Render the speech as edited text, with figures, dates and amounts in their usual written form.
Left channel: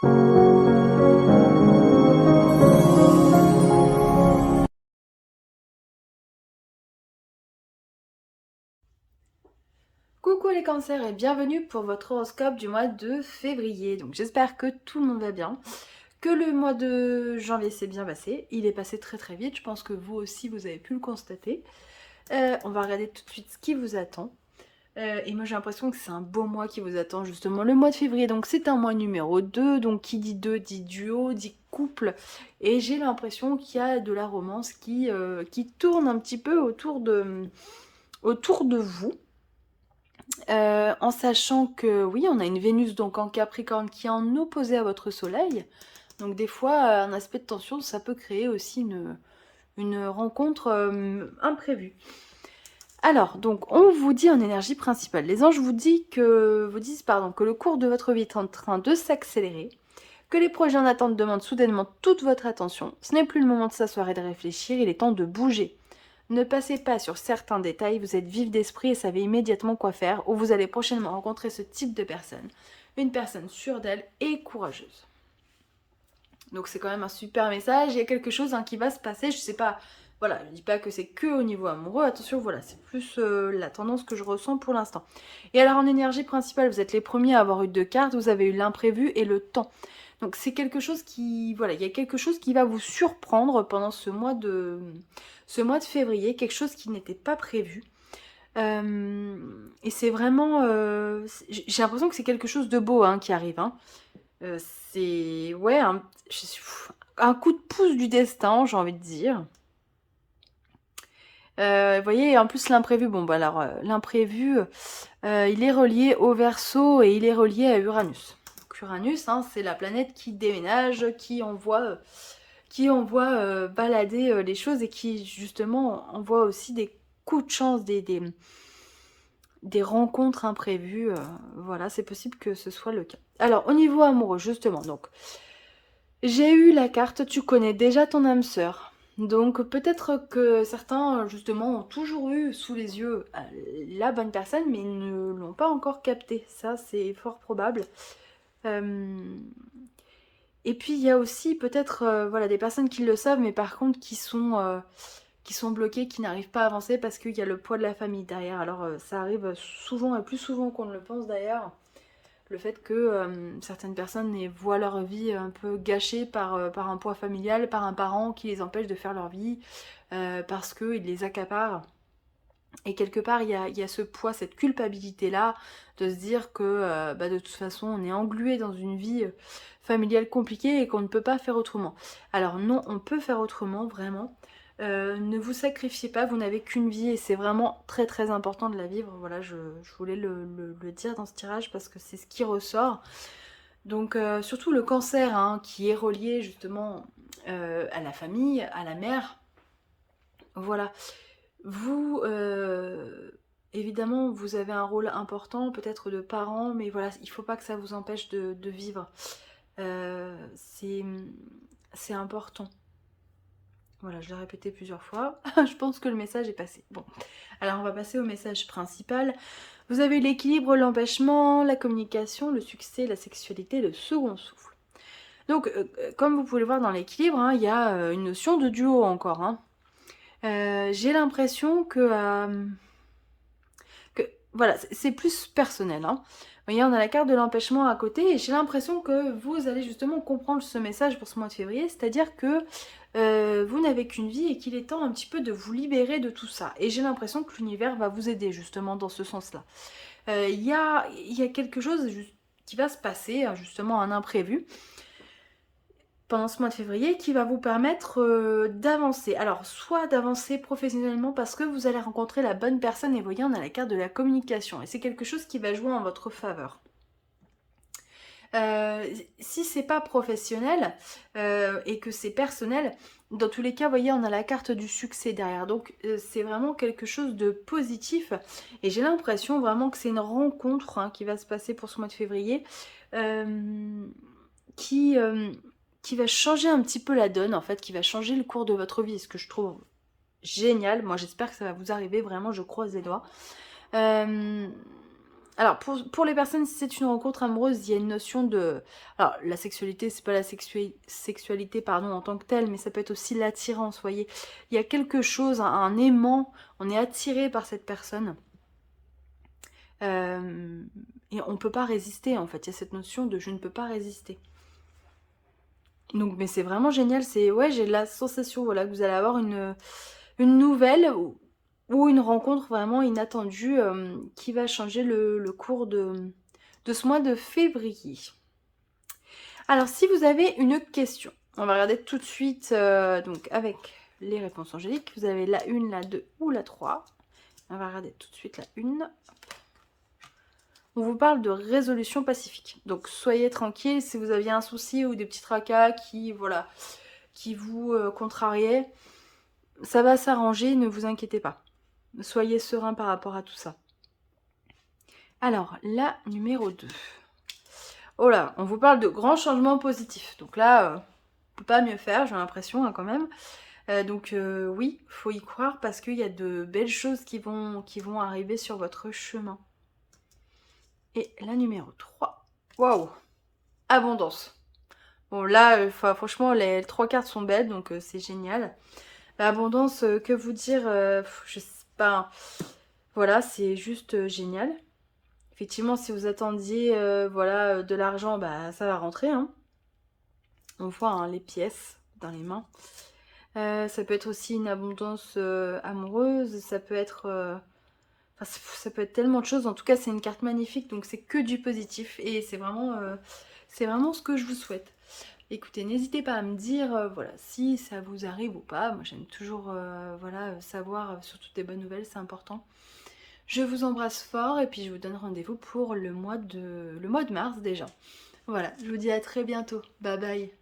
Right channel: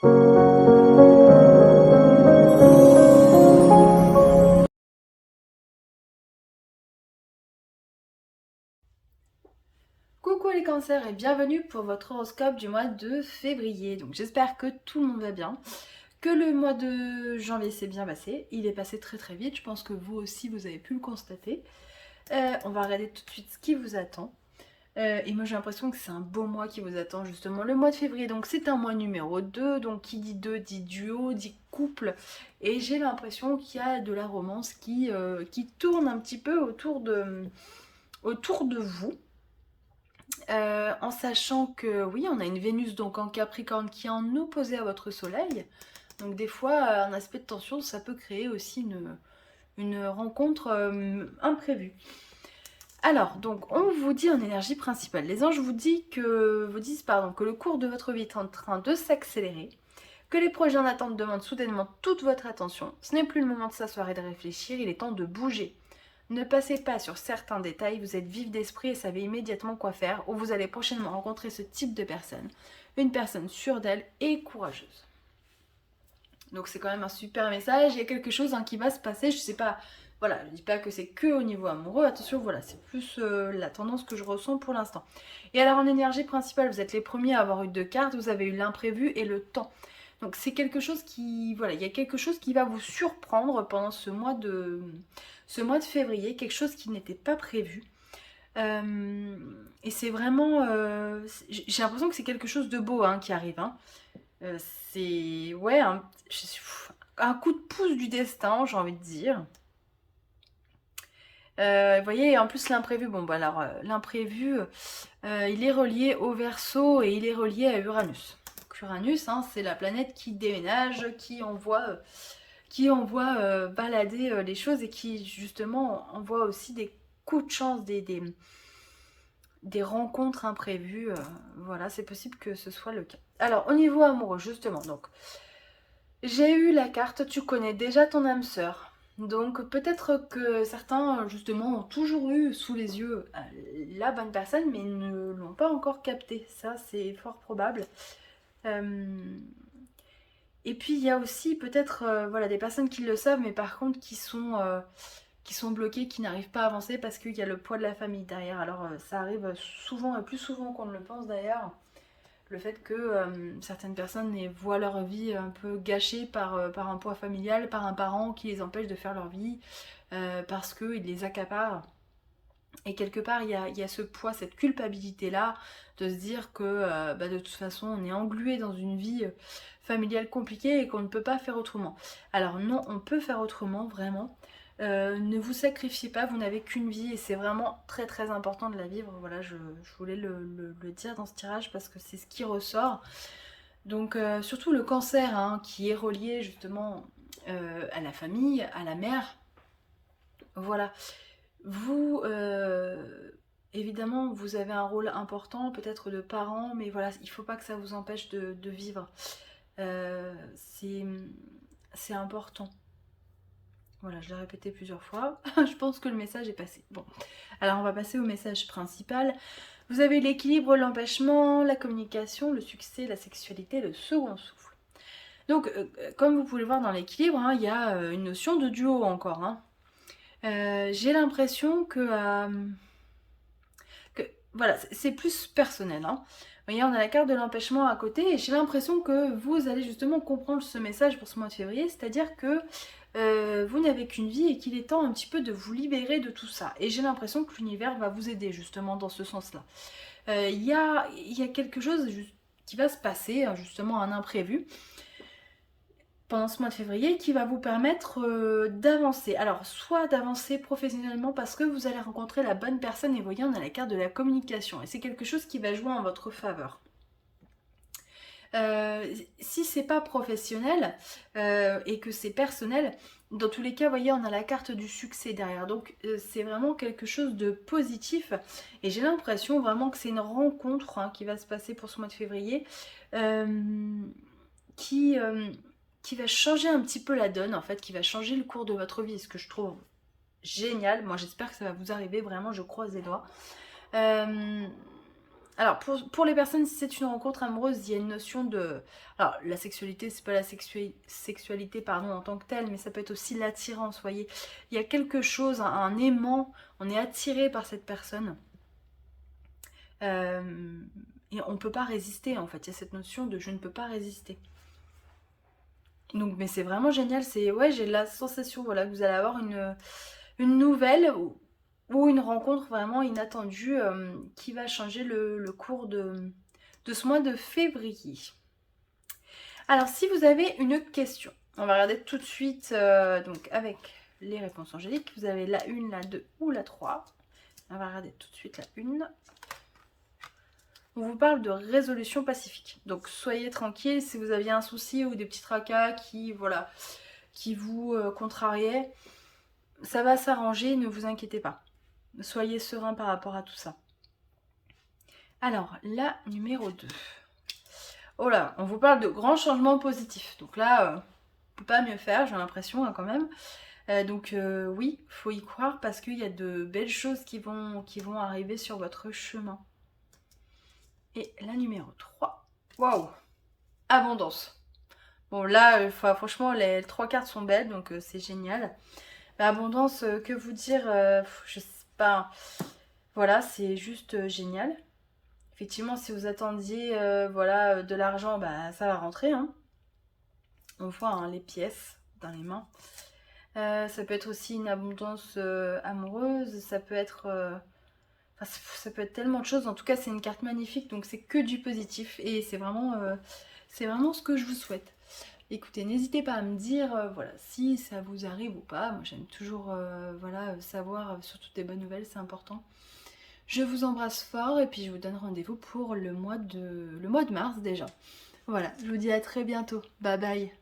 Coucou les cancers et bienvenue pour votre horoscope du mois de février. Donc j'espère que tout le monde va bien, que le mois de janvier s'est bien passé. Il est passé très très vite, je pense que vous aussi vous avez pu le constater. On va regarder tout de suite ce qui vous attend. Et moi j'ai l'impression que c'est un beau mois qui vous attend justement le mois de février. Donc c'est un mois numéro 2, donc qui dit 2 dit duo, dit couple. Et j'ai l'impression qu'il y a de la romance qui tourne un petit peu autour de vous. En sachant que oui, on a une Vénus donc en Capricorne qui est en opposé à votre Soleil. Donc des fois, un aspect de tension, ça peut créer aussi une rencontre imprévue. Alors, donc on vous dit en énergie principale, les anges vous disent que le cours de votre vie est en train de s'accélérer, que les projets en attente demandent soudainement toute votre attention. Ce n'est plus le moment de s'asseoir et de réfléchir, il est temps de bouger. Ne passez pas sur certains détails, vous êtes vif d'esprit et savez immédiatement quoi faire, ou vous allez prochainement rencontrer ce type de personne. Une personne sûre d'elle et courageuse. Donc c'est quand même un super message, il y a quelque chose qui va se passer, je sais pas, voilà, je dis pas que c'est que au niveau amoureux, attention, voilà, c'est plus la tendance que je ressens pour l'instant. Et alors en énergie principale, vous êtes les premiers à avoir eu 2 cartes, vous avez eu l'imprévu et le temps. Donc c'est quelque chose voilà, il y a quelque chose qui va vous surprendre pendant ce mois de février, quelque chose qui n'était pas prévu. Et c'est vraiment, j'ai l'impression que c'est quelque chose de beau qui arrive. Euh, c'est ouais un coup de pouce du destin, j'ai envie de dire. Vous voyez, en plus l'imprévu, bon bah alors l'imprévu, il est relié au Verseau et il est relié à Uranus. Donc, Uranus, c'est la planète qui déménage, qui envoie balader les choses et qui justement envoie aussi des coups de chance, des rencontres imprévues. Voilà, c'est possible que ce soit le cas. Alors au niveau amoureux, justement, donc j'ai eu la carte, tu connais déjà ton âme sœur. Donc peut-être que certains justement ont toujours eu sous les yeux la bonne personne mais ne l'ont pas encore capté. Ça c'est fort probable. Euh, Et puis il y a aussi peut-être voilà, des personnes qui le savent mais par contre qui sont bloquées, qui n'arrivent pas à avancer parce qu'il y a le poids de la famille derrière. Alors ça arrive souvent et plus souvent qu'on ne le pense d'ailleurs. Le fait que certaines personnes voient leur vie un peu gâchée par un poids familial, par un parent qui les empêche de faire leur vie, parce qu'il les accapare. Et quelque part, il y a ce poids, cette culpabilité-là, de se dire que de toute façon, on est englué dans une vie familiale compliquée et qu'on ne peut pas faire autrement. Alors non, on peut faire autrement, vraiment. Ne vous sacrifiez pas, vous n'avez qu'une vie et c'est vraiment très très important de la vivre. Voilà, je voulais le dire dans ce tirage parce que c'est ce qui ressort. Donc surtout le cancer qui est relié justement à la famille, à la mère. Voilà. Vous, évidemment, vous avez un rôle important, peut-être de parent, mais voilà, il ne faut pas que ça vous empêche de vivre. C'est important. Voilà, je l'ai répété plusieurs fois. Je pense que le message est passé. Bon, alors on va passer au message principal. Vous avez l'équilibre, l'empêchement, la communication, le succès, la sexualité, le second souffle. Donc, comme vous pouvez le voir dans l'équilibre, il y a une notion de duo encore. J'ai l'impression que voilà, c'est plus personnel. Vous voyez, on a la carte de l'empêchement à côté et j'ai l'impression que vous allez justement comprendre ce message pour ce mois de février, c'est-à-dire que vous n'avez qu'une vie et qu'il est temps un petit peu de vous libérer de tout ça. Et j'ai l'impression que l'univers va vous aider justement dans ce sens-là. Il y a quelque chose qui va se passer, justement un imprévu, pendant ce mois de février qui va vous permettre d'avancer. Alors, soit d'avancer professionnellement parce que vous allez rencontrer la bonne personne et vous voyez, on a la carte de la communication et c'est quelque chose qui va jouer en votre faveur. Si c'est pas professionnel et que c'est personnel, dans tous les cas, vous voyez, on a la carte du succès derrière. Donc, c'est vraiment quelque chose de positif. Et j'ai l'impression vraiment que c'est une rencontre qui va se passer pour ce mois de février qui, qui va changer un petit peu la donne, en fait, qui va changer le cours de votre vie. Ce que je trouve génial. Moi, j'espère que ça va vous arriver. Vraiment, je croise les doigts. Alors, pour les personnes, si c'est une rencontre amoureuse, il y a une notion de... Alors, la sexualité, c'est pas la sexualité, pardon, en tant que telle, mais ça peut être aussi l'attirance, vous voyez. Il y a quelque chose, un aimant, on est attiré par cette personne. Euh, et on peut pas résister, en fait. Il y a cette notion de je ne peux pas résister. Donc, mais c'est vraiment génial. C'est, ouais, j'ai la sensation, voilà, que vous allez avoir une nouvelle ou une rencontre vraiment inattendue qui va changer le cours de ce mois de février. Alors, si vous avez une question, on va regarder tout de suite donc avec les réponses angéliques. Vous avez la 1, la 2 ou la 3. On va regarder tout de suite la 1. On vous parle de résolution pacifique. Donc, soyez tranquille si vous aviez un souci ou des petits tracas qui, voilà, qui vous contrariaient. Ça va s'arranger, ne vous inquiétez pas. Soyez serein par rapport à tout ça. Alors, la numéro 2. Oh là, on vous parle de grands changements positifs. Donc là, on peut pas mieux faire, j'ai l'impression quand même. Donc oui, faut y croire parce qu'il y a de belles choses qui vont arriver sur votre chemin. Et la numéro 3. Waouh, abondance. Bon là, franchement, les 3 cartes sont belles, donc c'est génial. Abondance, que vous dire, je sais pas. Voilà, c'est juste génial. Effectivement, si vous attendiez voilà, de l'argent, bah, ça va rentrer. Hein. On voit hein, les pièces dans les mains. Ça peut être aussi une abondance amoureuse. Ça peut être... enfin, ça peut être tellement de choses. En tout cas, c'est une carte magnifique. Donc, c'est que du positif. Et c'est vraiment ce que je vous souhaite. Écoutez, n'hésitez pas à me dire voilà, si ça vous arrive ou pas. Moi, j'aime toujours voilà, savoir surtout des bonnes nouvelles. C'est important. Je vous embrasse fort et puis je vous donne rendez-vous pour le mois de mars déjà. Voilà, je vous dis à très bientôt. Bye bye.